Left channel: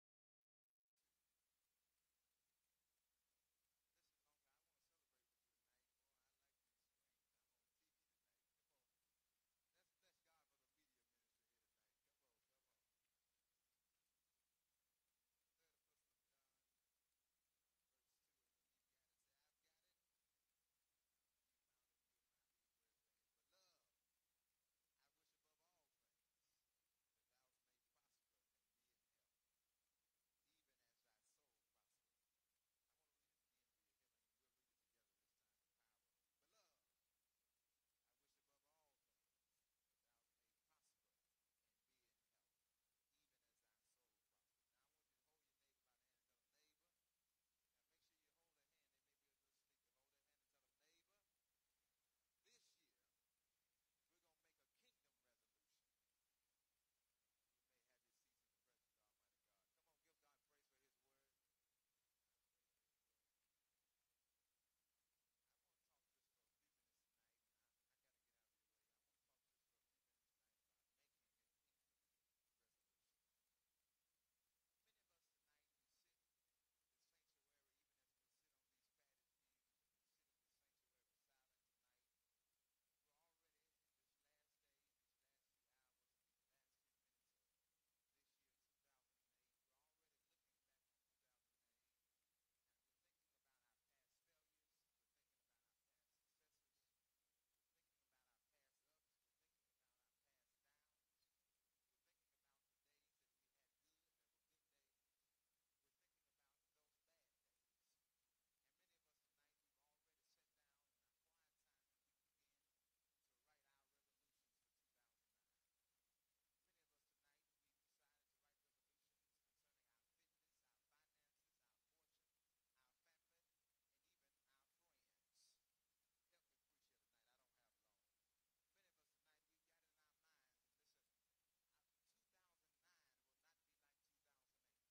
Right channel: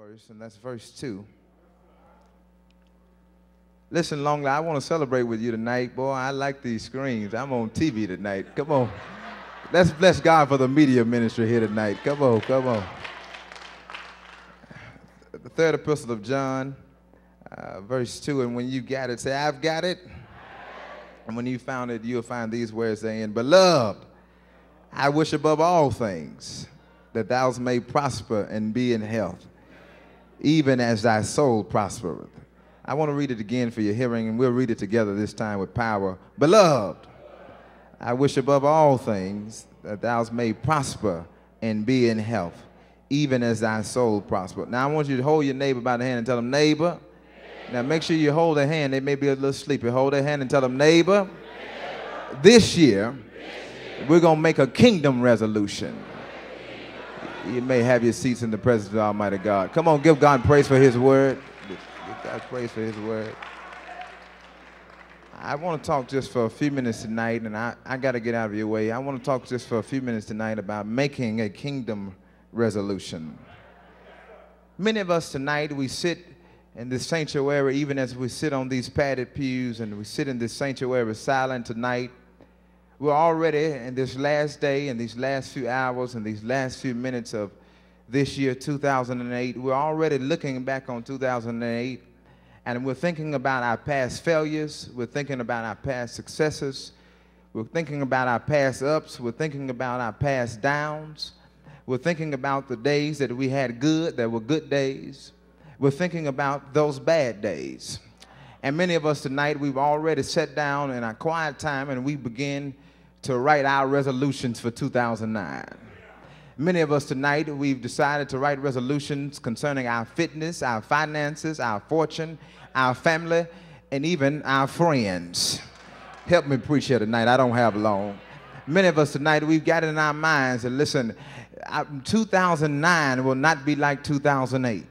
verse, and that's verse 2. Listen, Longley, I want to celebrate with you tonight. Boy, I like these screens. I'm on TV tonight. Come on. Let's bless God for the media ministry here tonight. Come on, come on. The third epistle of John, verse 2, and when you got it, say, I've got it. And when you found it, you'll find these words saying, Beloved, I wish above all things that thou may prosper and be in health, even as thy soul prospereth. I want to read it again for your hearing, and we'll read it together this time with power. Beloved, I wish above all things that thou may prosper and be in health, even as thy soul prosper. Now, I want you to hold your neighbor by the hand and tell them, neighbor. Now, make sure you hold their hand. They may be a little sleepy. Hold their hand and tell them, neighbor, this year, we're going to make a kingdom resolution. You may have your seats in the presence of Almighty God. Come on, give God praise for his word. Give God praise for his word. I want to talk just for a few minutes tonight, and I got to get out of your way. I want to talk just for a few minutes tonight about making a kingdom resolution. Many of us tonight, we sit in this sanctuary, even as we sit on these padded pews and we sit in this sanctuary silent tonight, we're already in this last day and these last few hours and these last few minutes of this year, 2008. We're already looking back on 2008, and we're thinking about our past failures. We're thinking about our past successes. We're thinking about our past ups. We're thinking about our past downs. We're thinking about the days that we had good, that were good days. We're thinking about those bad days. And many of us tonight, we've already sat down in our quiet time and we begin to write our resolutions for 2009. Many of us tonight, we've decided to write resolutions concerning our fitness, our finances, our fortune, our family, and even our friends. Help me preach here tonight. I don't have long. Many of us tonight, we've got it in our minds and listen, 2009 will not be like 2008.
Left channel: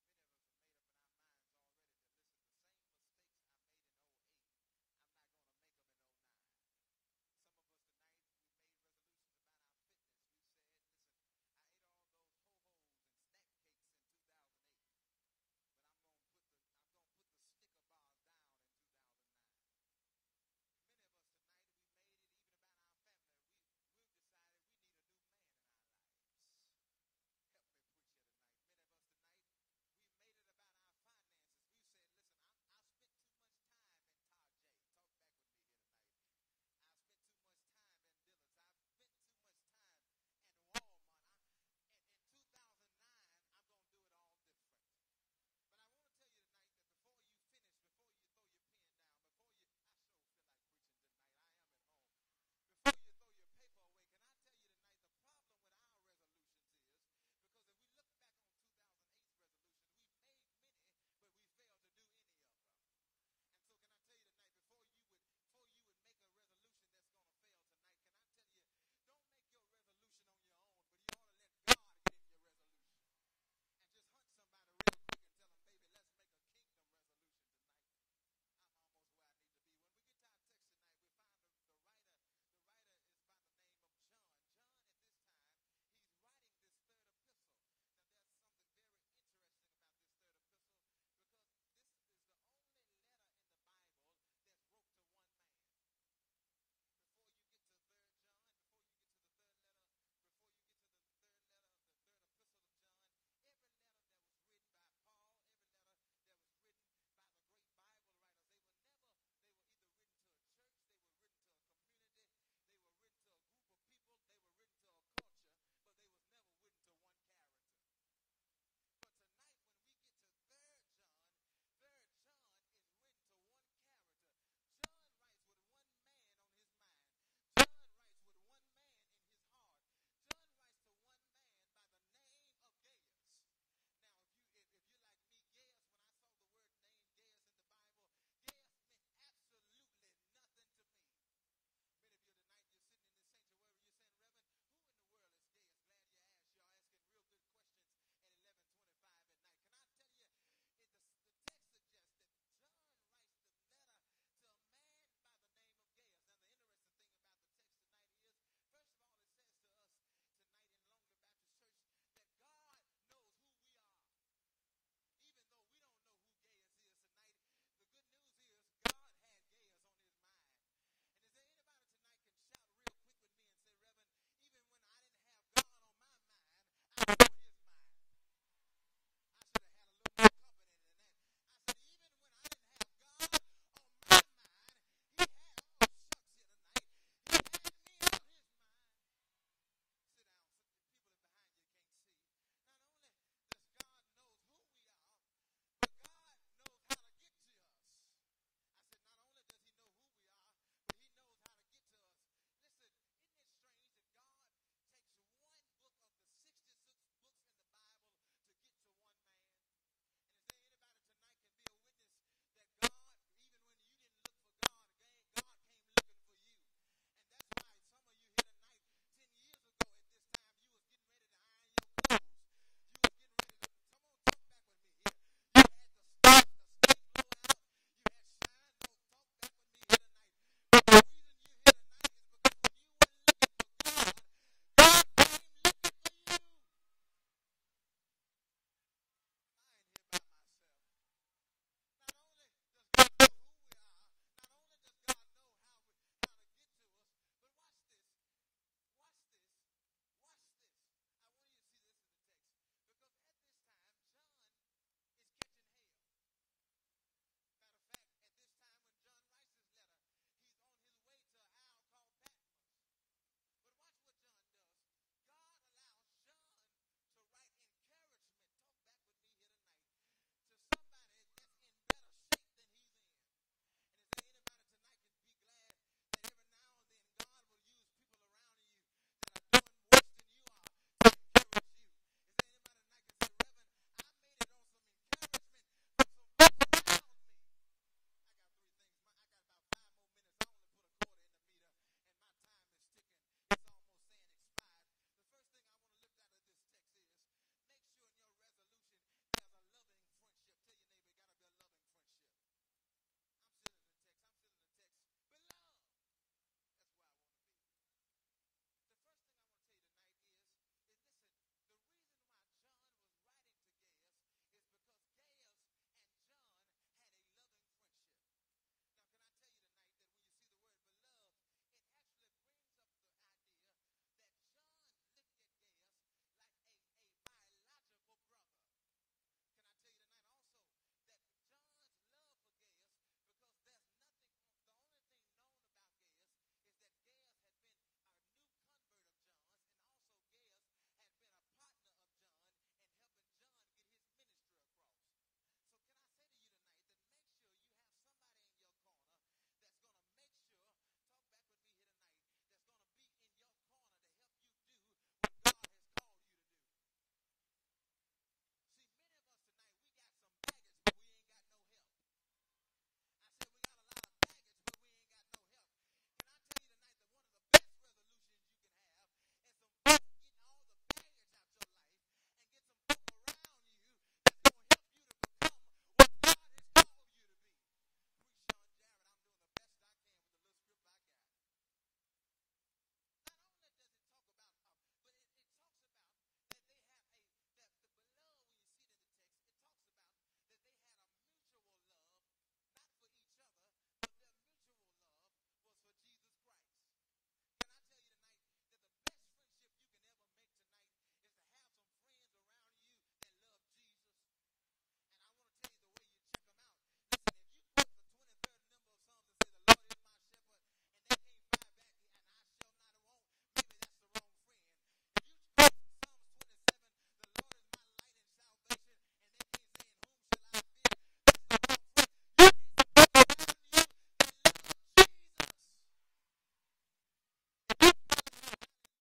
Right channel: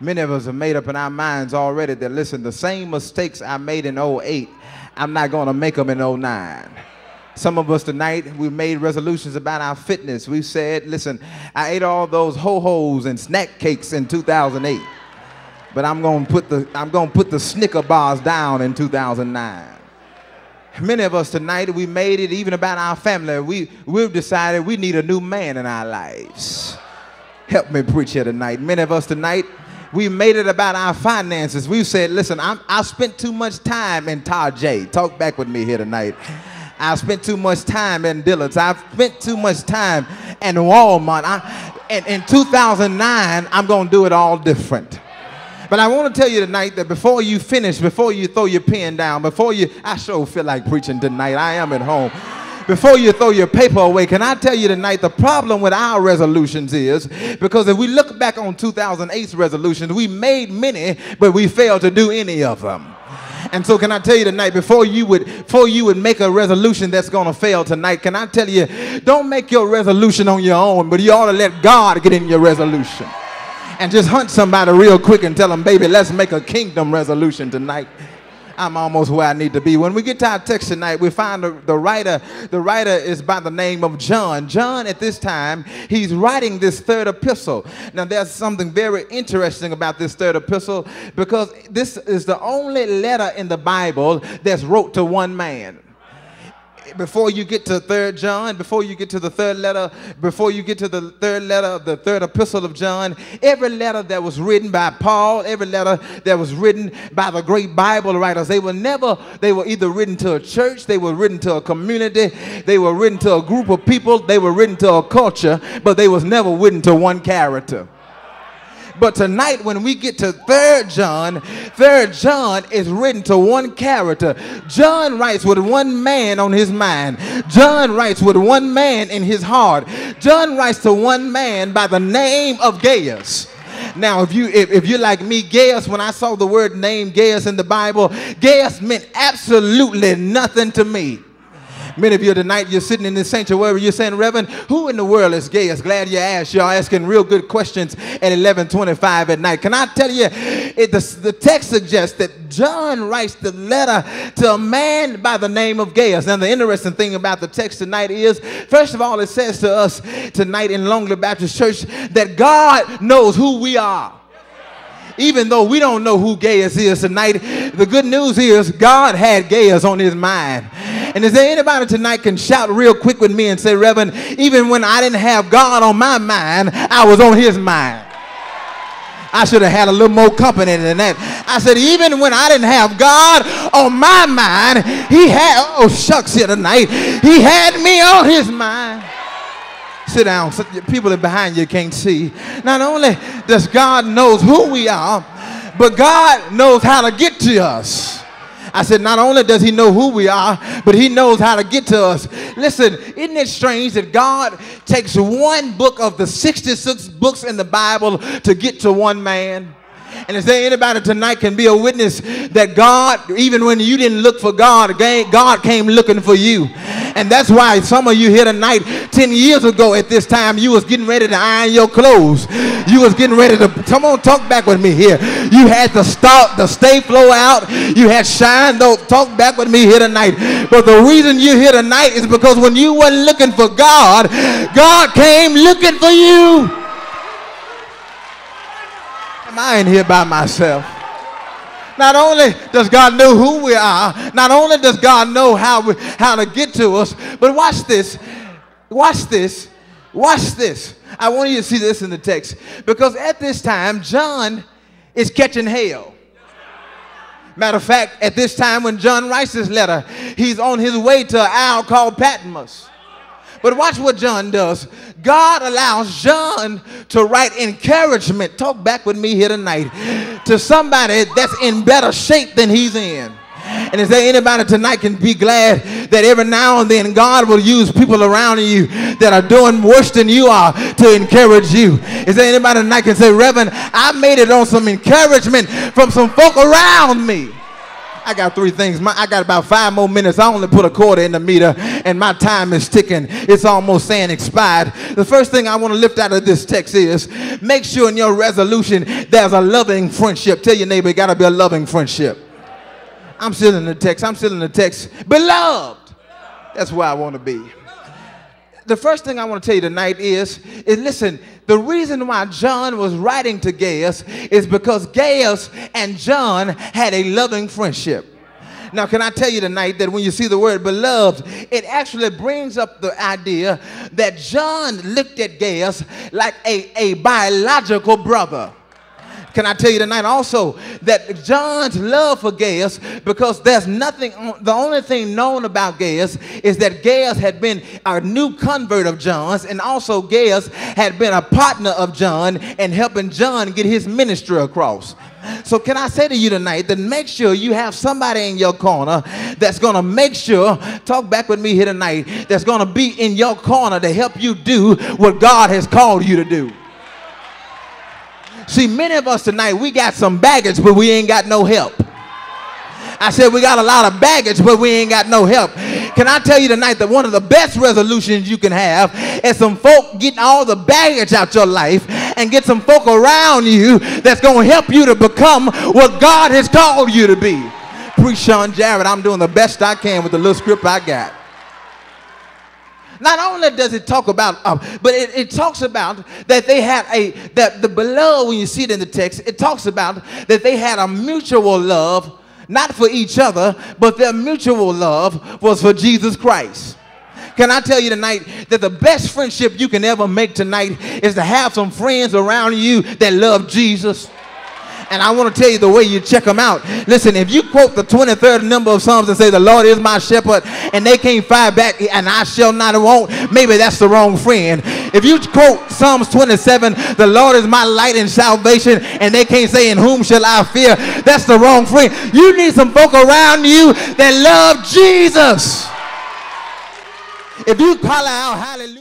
Many of us have made up in our minds already that, listen, the same mistakes I made in 08, I'm not going to make them in 09. Some of us tonight, we've made resolutions about our fitness. We've said, listen, I ate all those ho-hos and snack cakes in 2008, but I'm going to put the Snicker bars down in 2009. Many of us tonight, we made it even about our family. We've decided we need a new man in our lives. Help me preach here tonight. Many of us tonight, we made it about our finances. We've said, listen, I spent too much time in Tarjay. Talk back with me here tonight. I spent too much time in Dillard's. I've spent too much time in Walmart. And in 2009, I'm going to do it all different. But I want to tell you tonight that before you finish, before you throw your pen down, I sure feel like preaching tonight. I am at home. Before you throw your paper away, can I tell you tonight the problem with our resolutions is because if we look back on 2008's resolutions, we made many, but we failed to do any of them. And so can I tell you tonight, before you would make a resolution that's going to fail tonight, can I tell you, don't make your resolution on your own, but you ought to let God get in your resolution. And just hunt somebody real quick and tell them, baby, let's make a kingdom resolution tonight. I'm almost where I need to be. When we get to our text tonight, we find the writer is by the name of John. John, at this time, he's writing this third epistle. Now, there's something very interesting about this third epistle because this is the only letter in the Bible that's wrote to one man. Before you get to 3rd John, before you get to the third letter, before you get to the third letter of the third epistle of John, every letter that was written by Paul, every letter that was written by the great Bible writers, they were either written to a church, they were written to a community, they were written to a group of people, they were written to a culture, but they was never written to one character. But tonight, when we get to 3rd John is written to one character. John writes with one man on his mind. John writes with one man in his heart. John writes to one man by the name of Gaius. Now, if you're like me, Gaius, when I saw the word name Gaius in the Bible, Gaius meant absolutely nothing to me. Many of you tonight, you're sitting in this sanctuary, you're saying, Reverend, who in the world is Gaius? Glad you asked. You're asking real good questions at 11:25 at night. Can I tell you, the text suggests that John writes the letter to a man by the name of Gaius. Now, the interesting thing about the text tonight is, first of all, it says to us tonight in Longley Baptist Church that God knows who we are. even though we don't know who Gaius is tonight, the good news is God had Gaius on his mind. And is there anybody tonight can shout real quick with me and say, Reverend, even when I didn't have God on my mind, I was on his mind. I should have had a little more company than that. I said, even when I didn't have God on my mind, he had, oh shucks here tonight, he had me on his mind. Sit down, so people that behind you can't see. Not only does God knows who we are, but God knows how to get to us. I said, not only does he know who we are, but he knows how to get to us. Listen, isn't it strange that God takes one book of the 66 books in the Bible to get to one man? And is there anybody tonight can be a witness that God, even when you didn't look for God, God came looking for you? And that's why some of you here tonight, 10 years ago at this time, you was getting ready to iron your clothes. You was getting ready to, come on, talk back with me here. You had to start the stay flow out. You had shine, though, talk back with me here tonight. But the reason you're here tonight is because when you weren't looking for God, God came looking for you. I ain't here by myself. Not only does God know who we are, not only does God know how to get to us, but watch this. Watch this. Watch this. I want you to see this in the text. Because at this time, John is catching hell. Matter of fact, at this time when John writes this letter, he's on his way to an isle called Patmos. But watch what John does. God allows John to write encouragement, talk back with me here tonight, to somebody that's in better shape than he's in. And is there anybody tonight can be glad that every now and then God will use people around you that are doing worse than you are to encourage you? Is there anybody tonight can say, Reverend, I made it on some encouragement from some folk around me? I got three things. I got about 5 more minutes. I only put a quarter in the meter, and my time is ticking. It's almost saying expired. The first thing I want to lift out of this text is make sure in your resolution there's a loving friendship. Tell your neighbor, it got to be a loving friendship. I'm still in the text. I'm still in the text. Beloved. That's where I want to be. The first thing I want to tell you tonight is listen, the reason why John was writing to Gaius is because Gaius and John had a loving friendship. Now, can I tell you tonight that when you see the word beloved, it actually brings up the idea that John looked at Gaius like a biological brother. Can I tell you tonight also that John's love for Gaius, because there's nothing, the only thing known about Gaius is that Gaius had been a new convert of John's, and also Gaius had been a partner of John in helping John get his ministry across. So can I say to you tonight that make sure you have somebody in your corner that's going to make sure, talk back with me here tonight, that's going to be in your corner to help you do what God has called you to do. See, many of us tonight, we got some baggage, but we ain't got no help. I said we got a lot of baggage, but we ain't got no help. Can I tell you tonight that one of the best resolutions you can have is some folk getting all the baggage out your life and get some folk around you that's going to help you to become what God has called you to be. DeSean Jarrett, I'm doing the best I can with the little script I got. Not only does it talk about, but it talks about that they had that the beloved, when you see it in the text, it talks about that they had a mutual love, not for each other, but their mutual love was for Jesus Christ. Can I tell you tonight that the best friendship you can ever make tonight is to have some friends around you that love Jesus? And I want to tell you the way you check them out. Listen, if you quote the 23rd number of Psalms and say, the Lord is my shepherd, and they can't fire back, and I shall not want, maybe that's the wrong friend. If you quote Psalms 27, the Lord is my light and salvation, and they can't say, in whom shall I fear, that's the wrong friend. You need some folk around you that love Jesus. If you holler out, hallelujah.